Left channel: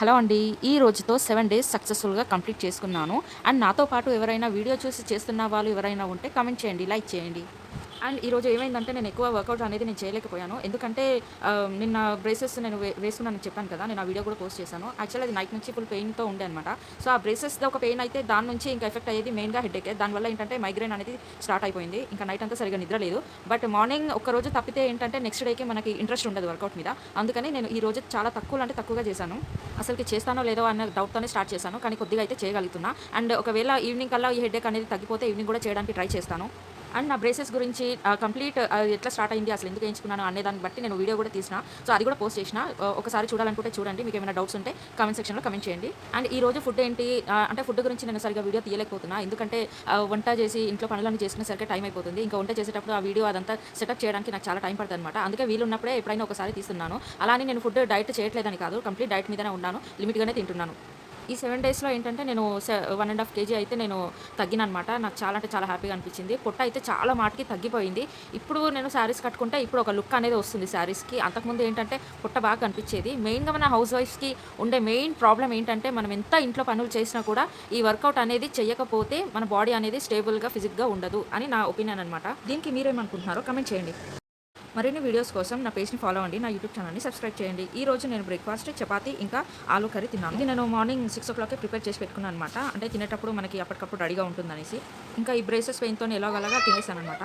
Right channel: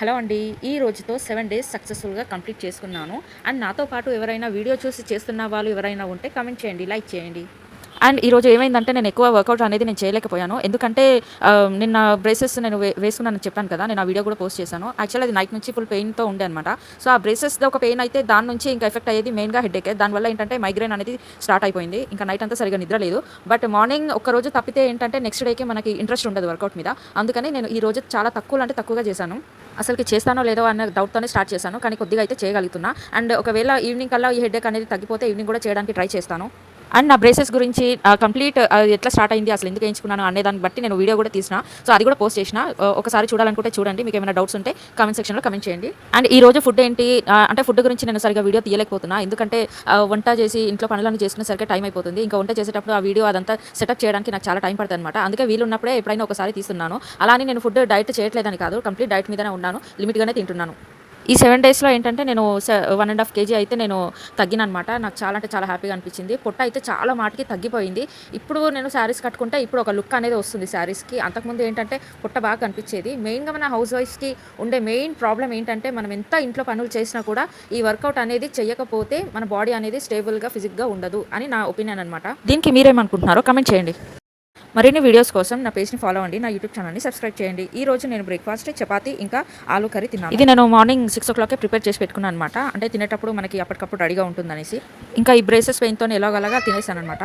Hello అండి. ఈ రోజుతో 7 డేస్ సక్సెస్‌ఫుల్‌గా కంప్లీట్ చేసుకున్నాను. అండ్ నాతో పాటు ఎవరైనా వీడియో చూసి చేస్తున్న వాళ్ళు ఎవరైనా ఉంటే కామెంట్ చేయండి, లైక్ చేయండి. అండ్ ఈరోజు ఏమైందంటే నేను ఎక్కువ వర్కౌట్ అనేది నేను చేయలేకపోయాను. ఎందుకంటే నిన్న బ్రేసెస్ నేను వేసుకున్నానని చెప్పాను కదా! నేను ఆ వీడియో కూడా పోస్ట్ చేశాను. యాక్చువల్లీ అది నైట్ నుంచి ఫుల్ పెయిన్‌తో ఉండే అనమాట. సో, ఆ బ్రేసెస్‌ది ఒక పెయిన్ అయితే దాని నుంచి ఇంకా ఎఫెక్ట్ అయ్యేది మెయిన్‌గా హెడేకే. దానివల్ల ఏంటంటే మైగ్రేన్ అనేది స్టార్ట్ అయిపోయింది. ఇంకా నైట్ అంతా సరిగ్గా నిద్ర లేదు. బట్ మార్నింగ్ ఒక్కరోజు తప్పితే ఏంటంటే నెక్స్ట్ డేకి మనకి ఇంట్రెస్ట్ ఉండదు వర్కౌట్ మీద. అందుకని నేను ఈ రోజు చాలా తక్కువలో అంటే తక్కువగా చేశాను. అసలుకి చేస్తానో లేదో అన్న డౌట్‌తోనే స్టార్ట్ చేశాను. కానీ కొద్దిగా అయితే చేయగలుగుతున్నా. అండ్ ఒకవేళ ఈవినింగ్ కల్లా ఈ హెడేక్ అనేది తగ్గిపోతే ఈవినింగ్ కూడా చేయడానికి ట్రై చేస్తాను. అండ్ నా బ్రేసెస్ గురించి కంప్లీట్ ఎట్లా స్టార్ట్ అయింది, అసలు ఎందుకు ఎంచుకున్నాను అనే దాన్ని బట్టి నేను వీడియో కూడా తీసిన. సో, అది కూడా పోస్ట్ చేసిన. ఒకసారి చూడాలనుకుంటే చూడండి. మీకు ఏమైనా డౌట్స్ ఉంటే కామెంట్ సెక్షన్‌లో కామెంట్ చేయండి. అండ్ ఈ రోజు ఫుడ్ ఏంటి అంటే ఫుడ్ గురించి నేను సరిగ్గా వీడియో తీయలేకపోతున్నా. ఎందుకంటే వంట చేసి ఇంట్లో పనులన్నీ చేసుకునేసరికి టైం అయిపోతుంది. ఇంకా వంట చేసేటప్పుడు ఆ వీడియో అదంతా సెటప్ చేయడానికి నాకు చాలా టైం పడుతుందన్నమాట. అందుకే వీలున్నప్పుడే ఎప్పుడైనా ఒకసారి తీస్తున్నాను. అలా అని నేను ఫుడ్ డైట్ చేయట్లేదని కాదు. కంప్లీట్ డైట్ మీదనే ఉన్నాను. లిమిట్‌గానే తింటున్నాను. ఈ 7 డేస్‌లో ఏంటంటే నేను 1½ కేజీ అయితే నేను తగ్గిననమాట. నాకు చాలా అంటే చాలా హ్యాపీగా అనిపించింది. పొట్ట అయితే చాలా మాటికి తగ్గిపోయింది. ఇప్పుడు నేను శారీస్ కట్టుకుంటే ఇప్పుడు ఒక లుక్ అనేది వస్తుంది శారీస్‌కి. అంతకుముందు ఏంటంటే పొట్ట బాగా కనిపించేది. మెయిన్‌గా మన హౌస్ వైఫ్స్‌కి ఉండే మెయిన్ ప్రాబ్లమ్ ఏంటంటే మనం ఎంత ఇంట్లో పనులు చేసినా కూడా ఈ వర్కౌట్ అనేది చేయకపోతే మన బాడీ అనేది స్టేబుల్‌గా, ఫిజిక్‌గా ఉండదు అని నా ఒపీనియన్ అనమాట. దీనికి మీరేమనుకుంటున్నారో కామెంట్ చేయండి. మరిన్ని వీడియోస్ కోసం నా పేజ్‌ని ఫాలో అవ్వండి. నా యూట్యూబ్ ఛానల్‌ని సబ్స్క్రైబ్ చేయండి. ఈ రోజు నేను బ్రేక్‌ఫాస్ట్ చపాతీ ఇంకా ఆలు కర్రీ తిన్నాను. ఇది నేను మార్నింగ్ 6:00కే ప్రిపేర్ చేసి పెట్టుకున్నాను అనమాట. అంటే తినేటప్పుడు మనకి అప్పటికప్పుడు రెడీగా ఉంటుందనేసి. ఇంకా ఈ బ్రేసెస్ పెయిన్‌తోని ఎలాగోలాగా తినేసాననమాట.